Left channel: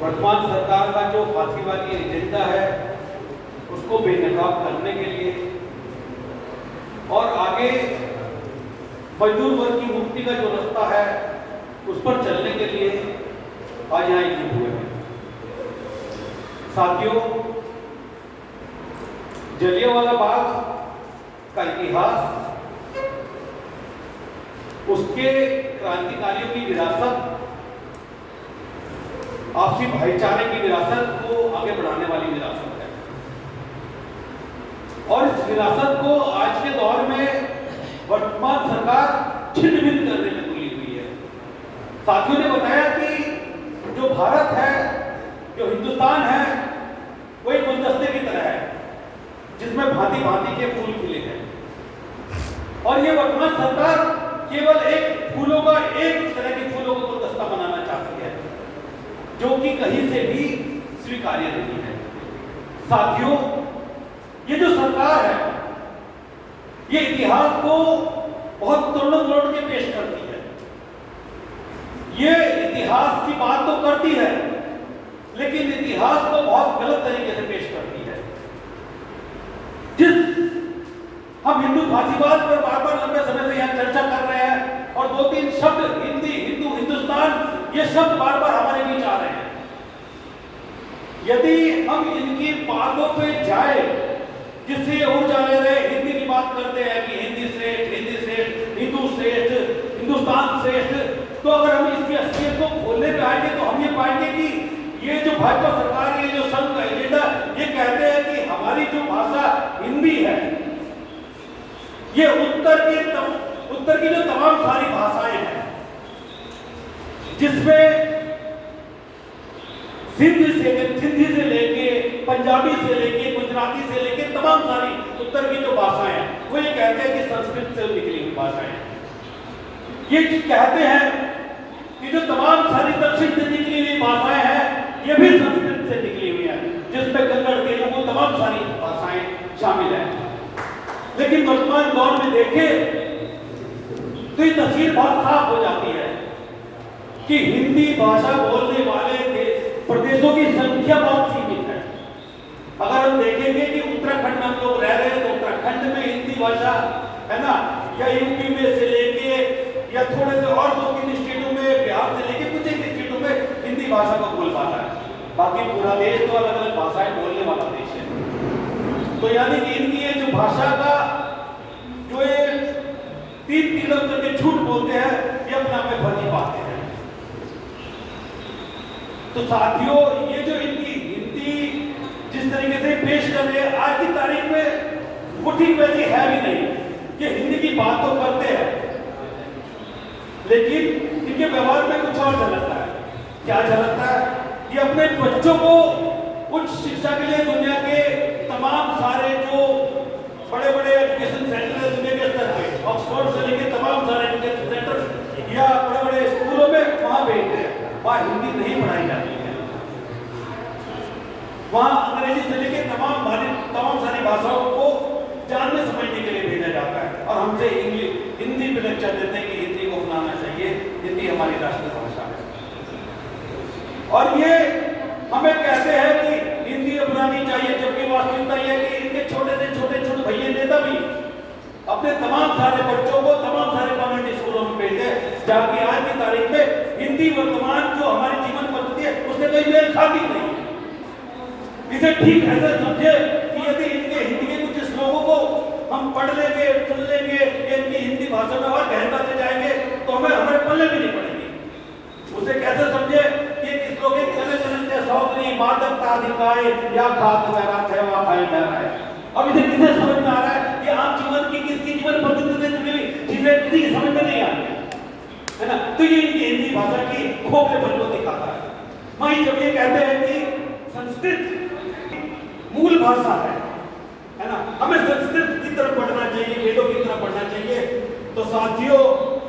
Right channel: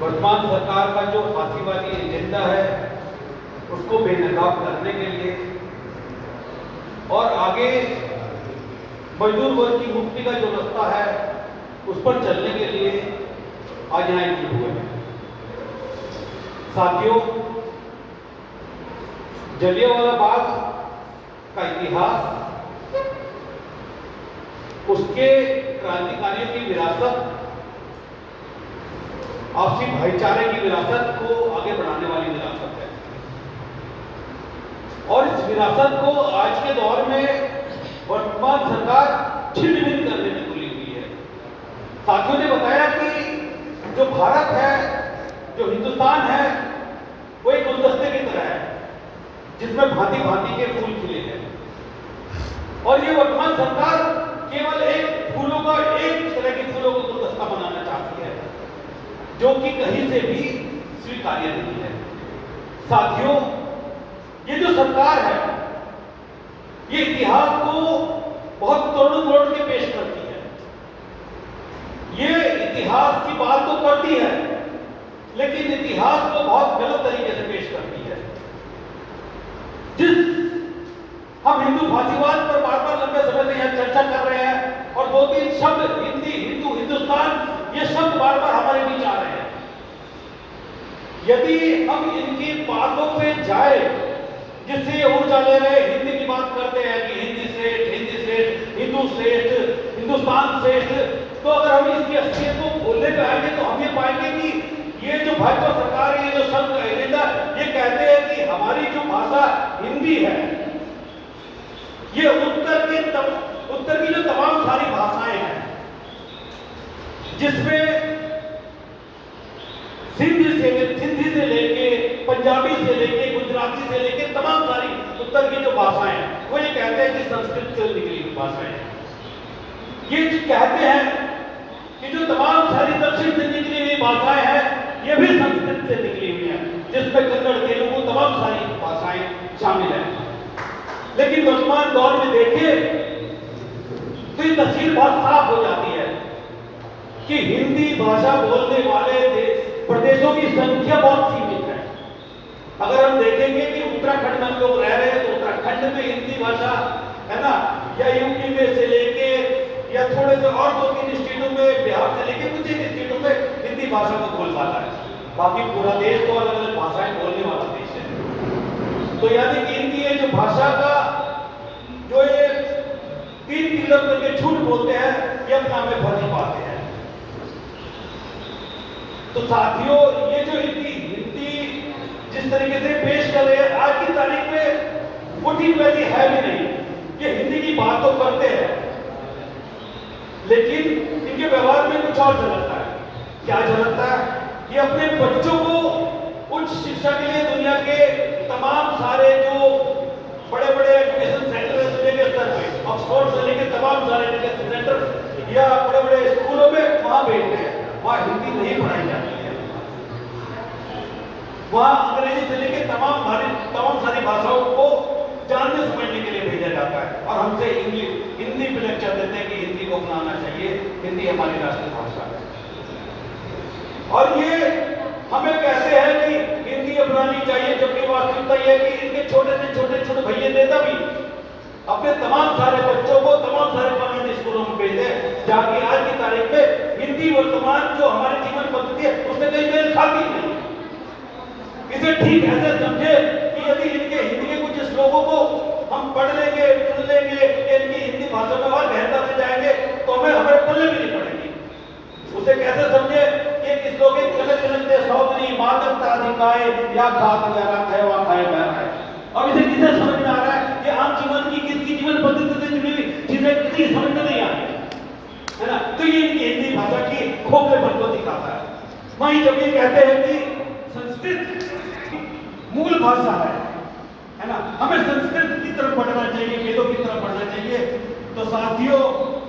वर्तमान सरकार का जो फांसीवादी एजेंडा है उसको बेनकाब करने के लिए और आगे मजदूर वर्ग की मुक्ति का जो रास्ता है उस पर चलने के लिए आज यहाँ एकजुट हुए हैं। साथियों, जलियांवाला बाग का इतिहास, उसके क्रांतिकारियों की विरासत, आपसी भाईचारे की विरासत को आगे बढ़ाने वाली विरासत है और इस विरासत को आज के दौर में वर्तमान सरकार छिन्न भिन्न करने में तुली हुई है। साथियों ने बताया कि जो भारत है, जो हिंदुस्तान है, वो एक गुलदस्ते की तरह है जिसमें भांति भांति के फूल खिले हैं और ये वर्तमान सरकार केवल एक फूलों का, एक तरह के फूलों का गुलदस्ता बनाना चाहती है जो कि कहीं से भी स्वीकार्य नहीं है। साथियों, ये जो सरकार है ये इतिहास को बहुत तोड़ के पेश करती है। ये इतिहास की बात तो करती है लेकिन इतिहास को बहुत गलत तरीके से पेश करती है। जिस हम हिंदू फांसीवाद पर बार बार लंबे समय से यहाँ चर्चा कर रहे हैं और 2-3 शब्द हिंदी, हिंदू, हिंदुस्तान, ये शब्द बार बार हमारे बीच आ रहे हैं। यदि हम इनकी बातों पे जाए जिससे ऊर्जा ले रहे हिंदी की बात करते हैं कि हिंदी श्रेष्ठ, हिंदू श्रेष्ठ, हिंदुस्तान श्रेष्ठ, तो अगर हम इसकी असलियत को खोलने पे आएंगे तो हम ये पाएंगे कि ये जो भाजपा सरकार, ये जो संघ का एजेंडा, ये कहते हैं कि हमारी जो भाषा हिंदी है, ये उत्तर की जो तमाम सारी भाषाएं हैं जिसमें सिंधी से लेके, पंजाबी से लेके, गुजराती से लेके तमाम सारी उत्तर की जो भाषाएं हैं वो ये कहते हैं कि संस्कृत से निकली हुई भाषाएं। ये कहते हैं कि जो तमाम सारी दक्षिण से निकली हुई भाषाएं हैं ये भी संस्कृत से निकली हुई है जिसमें कन्नड़, तेलुगु, तमाम सारी भाषाएं शामिल हैं। लेकिन वर्तमान दौर में देखें तो ये तस्वीर बहुत साफ हो जाती है कि हिंदी भाषा बोलने वाले प्रदेशों की संख्या बहुत सीमित है। अगर हम देखेंगे कि उत्तराखंड में हम लोग रह रहे हैं तो उत्तराखंड में हिंदी भाषा है ना, या यूपी में से लेके या थोड़े से और 2-3 स्टेटों में, बिहार से लेके कुछ एक स्टेटों में हिंदी भाषा को बोलबाला है। बाकी पूरा देश तो अलग अलग भाषाएं बोलने वाला देश है। तो यानी कि इनकी ये जो भाषा का जो ये 3 करके झूठ बोलते हैं ये अपना में भर्ती पाते हैं। तो साथियों, ये जो इनकी हिंदी जिस तरीके से पेश कर रहे हैं आज की तारीख में वो ठीक वैसी है भी नहीं। ये हिंदी की बात तो करते हैं लेकिन इनके व्यवहार में कुछ और झलकता है। क्या झलकता है? ये अपने बच्चों को उच्च शिक्षा के लिए दुनिया के तमाम सारे जो बड़े-बड़े एजुकेशन सेंटर है दुनिया के स्तर पे, ऑक्सफोर्ड से लेकर तमाम सारे एजुकेशन सेंटर या बड़े-बड़े स्कूलों में वहां भेजते हैं। वहां हिंदी नहीं पढ़ाई जाती है, वहां अंग्रेजी से लेकर तमाम सारी भाषाओं को जानने समझने के लिए भेजा जाता है और हमसे हिंदी पे लेक्चर देते हैं कि हिंदी को अपनाना चाहिए, हिंदी हमारी राष्ट्रीय भाषा है। और ये हमें कहते हैं कि हिंदी अपनानी चाहिए, जबकि वास्तविकता यह है कि इनके छोटे से छोटे भैया नेता भी अपने तमाम सारे बच्चों को तमाम सारे कम्युनिटी स्कूलों में भेजते हैं जहाँ की आज की तारीख में हिंदी वर्तमान जो हमारी जीवन पद्धति है उससे कहीं मेल खाती नहीं। इसे ठीक ऐसे समझे कि यदि इनके हिंदी के कुछ श्लोकों को हम पढ़ लेंगे, सुन लेंगे, इनकी हिंदी भाषा में और गहनता से जाएंगे तो हमें हमारे पल्ले भी नहीं पड़ेगी। उसे कैसे समझे कि इस लोग चलते सौदरी मादकता अधिकाय या खात वैराग है वहां खाए बह रहा है। अब इसे किसे समझ में आ रहा है? ये आम जीवन की किसकी जीवन पद्धति से जुड़ी हुई चीजें किसी समझ में नहीं आ रही है ना। तो ये इनकी हिंदी भाषा की खोखलेपन को दिखाता है। वहीं जब ये कहते हैं कि संस्कृत मूल भाषा है ना, हमें संस्कृत की तरफ बढ़ना चाहिए, वेदों की तरफ बढ़ना चाहिए, तो साथियों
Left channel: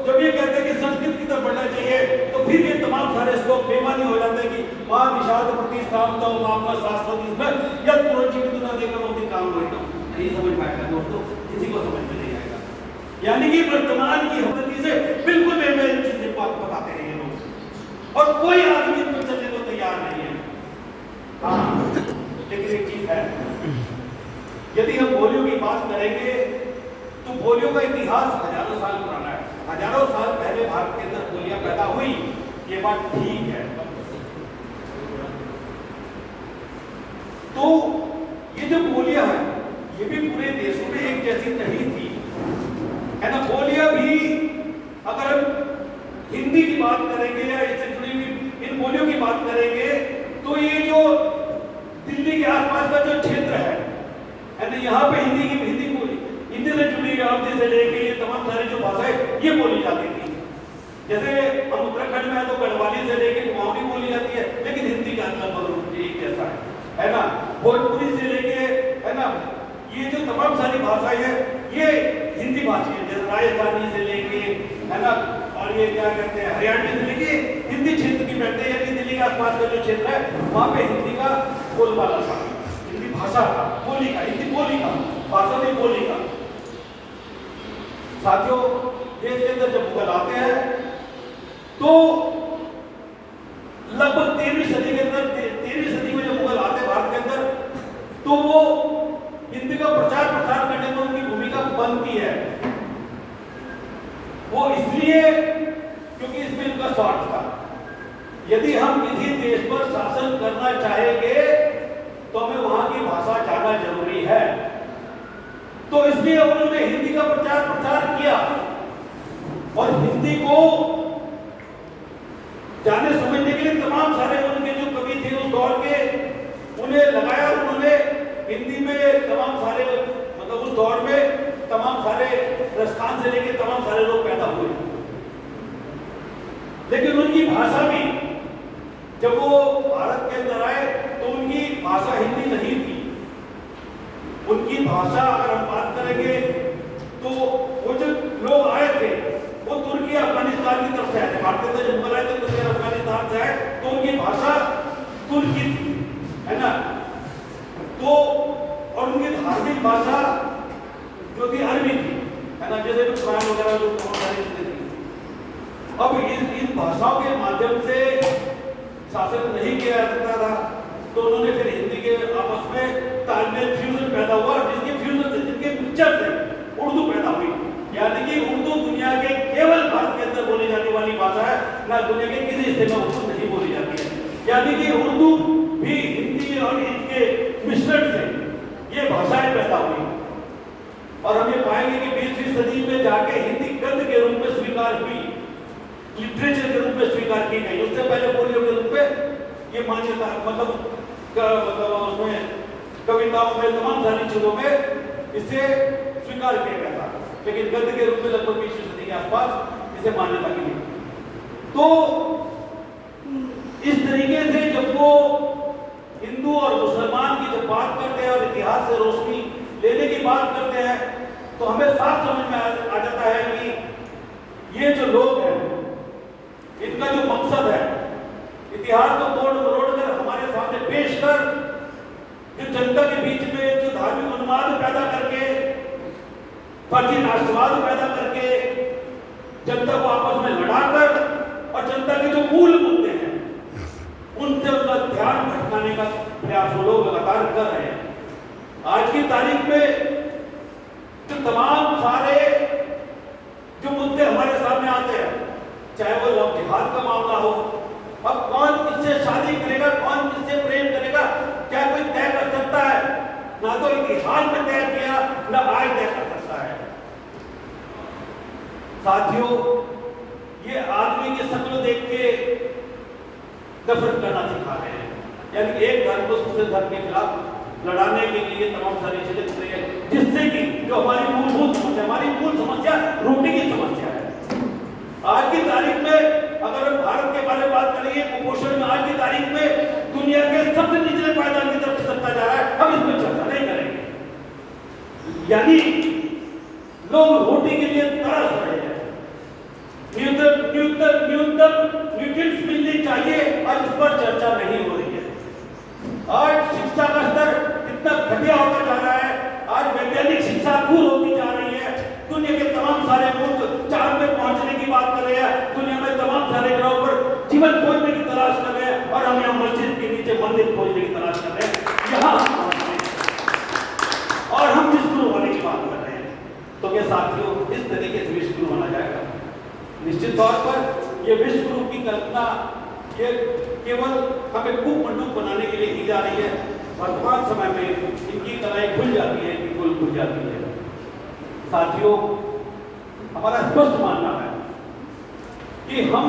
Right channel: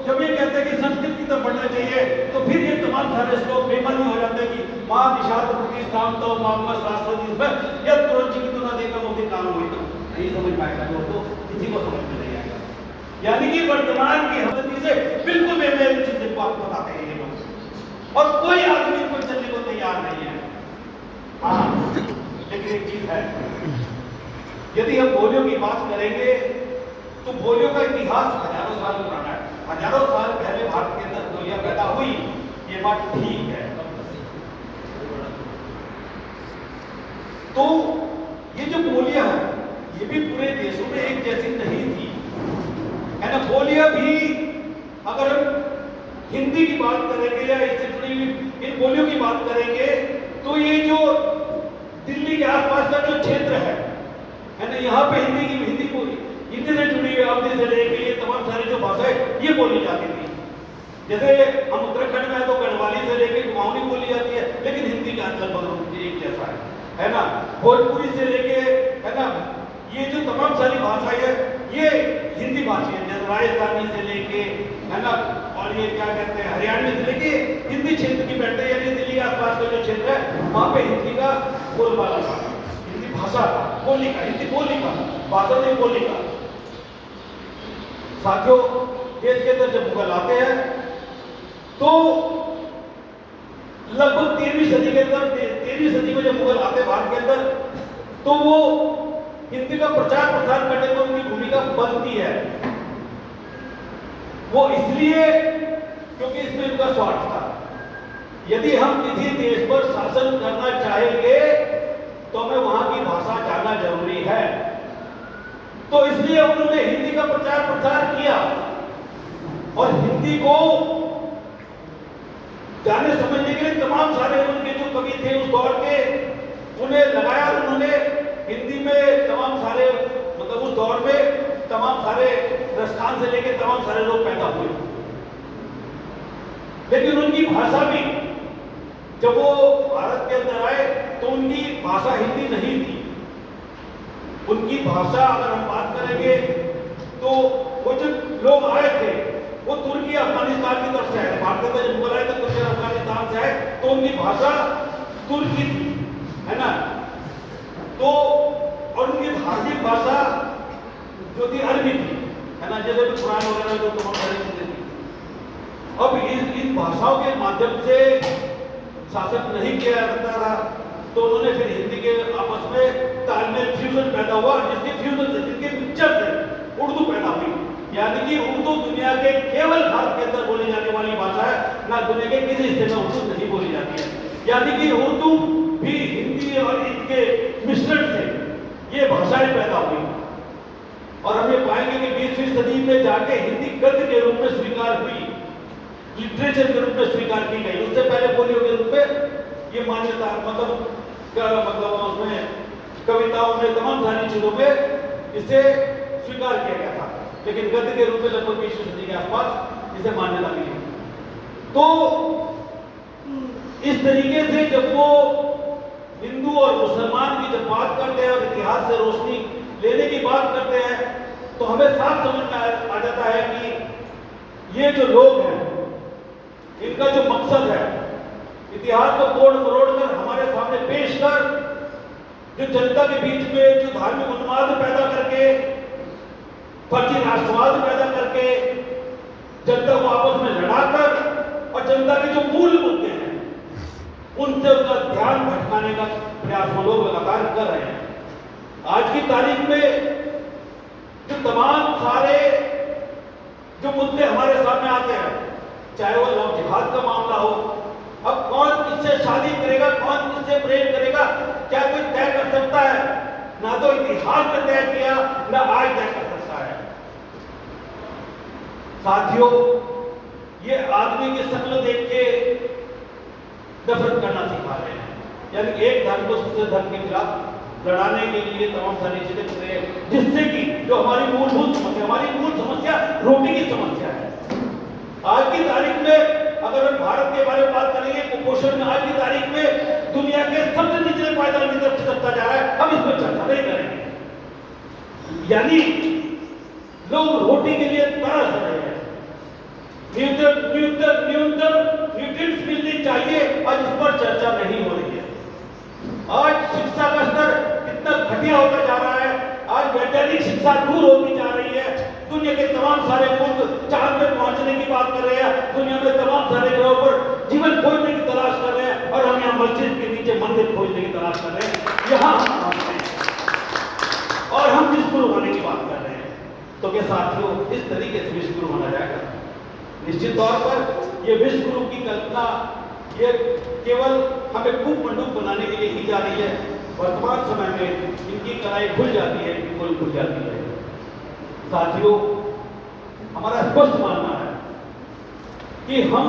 जब ये कहते हैं कि संस्कृत की तरफ बढ़ना चाहिए तो फिर ये तमाम सारे श्लोक बेमानी हो जाते हैं कि मां निषाद प्रतिष्ठान तो मामला शास्त्र जिसमें या तुरंत जी की तुना देकर वो भी काम हुई तो नहीं समझ पाएगा दोस्तों, किसी को समझ में नहीं आएगा। यानी कि वर्तमान की पद्धति से बिल्कुल बेमेल चीजें बात बताते हैं ये लोग और कोई आदमी इस पर चलने को तैयार नहीं है। है। यदि हम बोलियों की बात करेंगे तो बोलियों का इतिहास हजारों साल पुराना है। हजारों साल पहले भारत के अंदर बोलियां पैदा हुई, ये बात ठीक है। तो ये जो बोलियां हैं ये भी पूरे देशों में एक जैसी नहीं थी, है ना। बोलियां भी अगर हम हिंदी की बात करेंगे या इससे जुड़ी हुई इन बोलियों की बात करेंगे तो ये जो दिल्ली के आसपास का जो क्षेत्र है ना, यहाँ पे हिंदी बोली, हिंदी से जुड़ी हुई अवधि से लेके ये तमाम सारी जो भाषाएं ये बोली जाती थी। जैसे हम उत्तराखंड में है तो गढ़वाली से लेके कुमाऊनी बोली जाती है, लेकिन हिंदी का अंदर एक जैसा है ना। भोजपुरी से लेके, है ना, ये जो तमाम सारी भाषाएं है ये हिंदी भाषी है। जैसे राजस्थानी से लेके, है ना, और ये क्या कहते हैं हरियाणा से लेके हिंदी क्षेत्र की बैठे, यानी दिल्ली के आसपास का जो क्षेत्र है वहां पे हिंदी का बोलबाला था, हिंदी भाषा का, बोली का, हिंदी बोली का, भाषा नहीं बोली का। साथियों, देश के अंदर जब मुगल आते हैं तो लगभग 13वीं सदी के अंदर, 13वीं सदी में जब मुगल आते भारत के अंदर तो वो हिंदी का प्रचार प्रसार करने में उनकी भूमिका बनती है। वो इसलिए क्योंकि इसमें उनका स्वार्थ था। यदि हम किसी देश पर शासन करना चाहेंगे तो हमें वहां की भाषा जानना जरूरी है। तो इसलिए उन्होंने हिंदी का प्रचार प्रसार किया और हिंदी को जाने समझने के लिए तमाम सारे उनके जो कवि थे उस दौर के, उन्हें लगाया। उन्होंने हिंदी में तमाम सारे, मतलब उस दौर में तमाम सारे राजस्थान से लेकर तमाम सारे लोग पैदा हुए, लेकिन उनकी भाषा भी जब वो भारत के अंदर आए तो उनकी भाषा हिंदी नहीं थी। उनकी भाषा अगर हम बात करेंगे तो वो जो लोग आए थे वो तुर्की अफगानिस्तान की तरफ से आए थे। भारत के अंदर जब मुगल आए थे तुर्की अफगानिस्तान से आए तो उनकी भाषा तुर्की थी, है ना। तो और उनकी धार्मिक भाषा जो थी अरबी थी, है ना, जैसे कुरान वगैरह जो चीजें थी। अब इन भाषाओं के माध्यम से शासन नहीं किया जा सकता था, तो उन्होंने फिर हिंदी के आपस में तालमेल, फ्यूजन पैदा हुआ, जिसके फ्यूजन से, जिसके मिक्सचर से उर्दू पैदा हुई। यानी कि उर्दू दुनिया के केवल भारत के अंदर बोली जाने वाली भाषा है, ना दुनिया के किसी हिस्से में उर्दू नहीं बोली जाती है। यानी कि उर्दू भी हिंदी और इसके मिश्रण से ये भाषाएं पैदा हुई। और हम ये पाएंगे कि 20वीं सदी में जाके हिंदी गद्य के रूप में स्वीकार हुई, लिटरेचर के रूप में स्वीकार की गई। उससे पहले बोलियों के रूप में ये मान्यता, मतलब उसमें कविताओं में तमाम सारी चीजों में इसे स्वीकार किया गया था, लेकिन गद्य के रूप में लगभग 20वीं सदी के आसपास इसे मान्यता मिली। तो इस तरीके से जब वो हिंदू और मुसलमान की जब बात करते हैं और इतिहास से रोशनी लेने की बात करते हैं तो हमें साफ समझ में आ जाता है कि ये जो लोग हैं इनका जो मकसद है इतिहास को तोड़ मरोड़ कर हमारे सामने पेश कर, जो जनता के बीच में जो धार्मिक उन्माद पैदा करके, फर्जी राष्ट्रवाद पैदा करके, जनता को आपस में लड़ाकर और जनता के जो मूल मुद्दे हैं उनसे उसका ध्यान भटकाने का प्रयास वो लोग लगातार कर रहे हैं। आज की तारीख में जो तमाम सारे जो मुद्दे हमारे सामने आते हैं, चाहे वो लव जिहाद का मामला हो, अब कौन किससे शादी करेगा, कौन किससे प्रेम करेगा, क्या कोई तय कर सकता है? ना तो इतिहास में तय किया, ना आज तय कर सकता है। साथियों, ये आदमी की शक्ल देख के नफरत करना सिखा रहे हैं, यानी एक धर्म को दूसरे धर्म के खिलाफ लड़ाने के लिए तमाम सारी चीजें कर रहे हैं, जिससे कि जो हमारी मूलभूत समस्या, हमारी मूल समस्या रोटी की समस्या है। आज की तारीख में अगर हम भारत के बारे में बात करेंगे, कुपोषण में आज की तारीख में दुनिया के सबसे निचले पायदान की तरफ चलता जा रहा है, हम इस पर चर्चा नहीं करेंगे। यानी लोग रोटी के लिए तरस रहे हैं, न्यूनतम न्यूट्रिएंट्स मिलने चाहिए, आज इस पर चर्चा नहीं हो रही है। आज शिक्षा का स्तर कितना घटिया होता जा रहा है, आज वैज्ञानिक शिक्षा दूर होती जा रही है। दुनिया के तमाम सारे मुल्क चांद में पहुंचने की बात कर रहे हैं, दुनिया में तमाम सारे ग्रहों पर जीवन खोजने की तलाश कर रहे हैं, और हम यहाँ मस्जिद के नीचे मंदिर खोजने की तलाश कर रहे हैं। यहाँ साथियों इस तरीके से विश्व गुरु माना जाएगा। निश्चित तौर पर ये विश्व गुरु की कल्पना ये केवल हमें कूप मंडूक बनाने के लिए की जा रही है। वर्तमान समय में इनकी कलाई खुल जाती है, बिल्कुल खुल जाती है। साथियों, हमारा स्पष्ट मानना है कि हम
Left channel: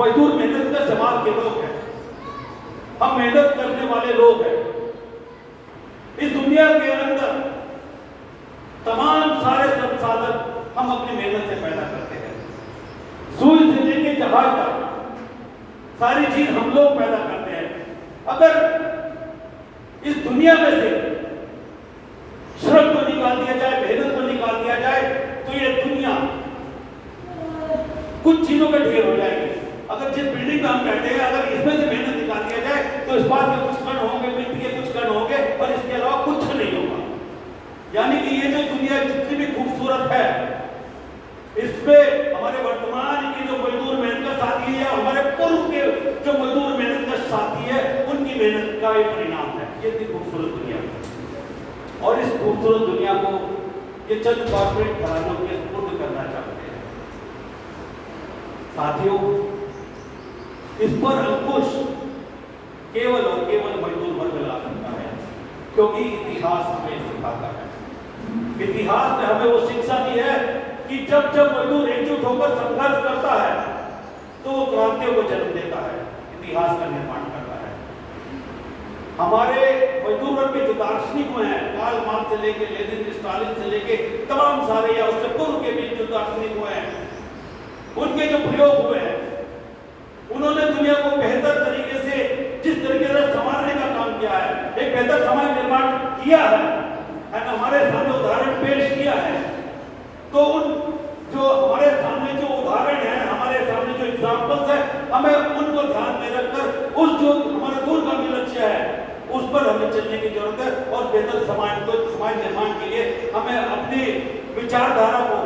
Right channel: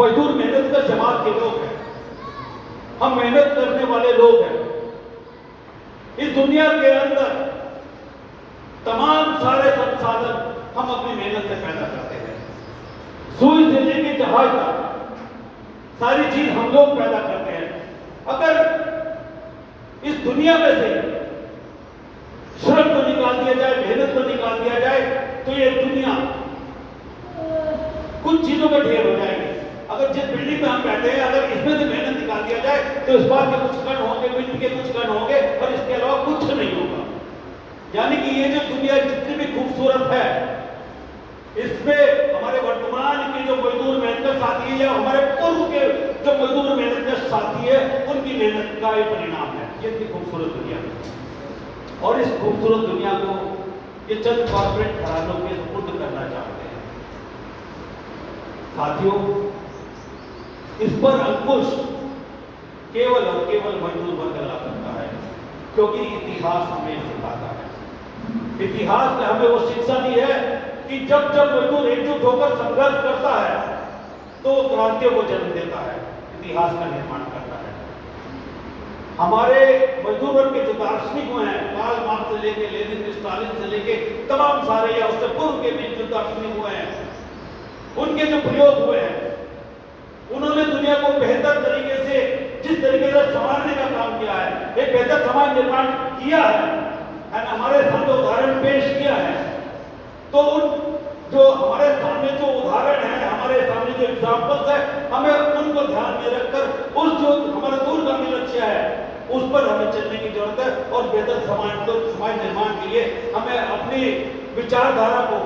मजदूर मेहनत का समाज के लोग हैं, हम मेहनत करने वाले लोग हैं। इस दुनिया के अंदर तमाम सारे संसाधन हम अपनी मेहनत से पैदा करते हैं। सुई से लेके जहाज तक सारी चीज हम लोग पैदा करते हैं। अगर इस दुनिया में से श्रम को निकाल दिया जाए, मेहनत को निकाल दिया जाए, तो ये दुनिया कुछ चीजों का ढेर हो जाएगी। अगर जिस बिल्डिंग में हम बैठे हैं, अगर इसमें से मेहनत निकाल दिया जाए तो इस बात के कुछ कण होंगे, मिट्टी के कुछ कण होंगे, और इसके अलावा कुछ नहीं होगा। यानी कि ये जो दुनिया जितनी भी खूबसूरत है, इसमें हमारे वर्तमान की जो मजदूर मेहनत का साथी है, हमारे पूर्व के जो मजदूर मेहनत का साथी है, उनकी मेहनत का एक परिणाम है ये इतनी खूबसूरत दुनिया। और इस खूबसूरत दुनिया को ये चंद कॉर्पोरेट घरानों के सुपुर्द करना चाहते हैं। साथियों, इस पर अंकुश केवल और केवल मजदूर वर्ग ला सकता है, क्योंकि इतिहास हमें सिखाता है। इतिहास ने हमें वो शिक्षा दी है कि जब जब मजदूर एकजुट होकर संघर्ष करता है तो वो क्रांतियों को जन्म देता है, इतिहास का निर्माण करता है। हमारे मजदूर वर्ग के जो दार्शनिक हुए हैं, कार्ल मार्क्स से लेके लेनिन, स्टालिन से लेके तमाम सारे या उससे पूर्व के भी जो दार्शनिक हुए हैं, उनके जो प्रयोग हुए हैं, उन्होंने दुनिया को बेहतर तरीके से जिस तरीके से संवारने का काम किया है, एक बेहतर समाज निर्माण किया है, हमारे सामने उदाहरण पेश किया है। तो उन जो हमारे सामने जो उदाहरण है, हमारे सामने जो एग्जाम्पल्स है, हमें उनको ध्यान में रखकर उस जो हमारा दूरगामी लक्ष्य है उस पर हमें चलने की जरूरत है। और बेहतर समाज निर्माण के लिए हमें अपनी विचारधारा को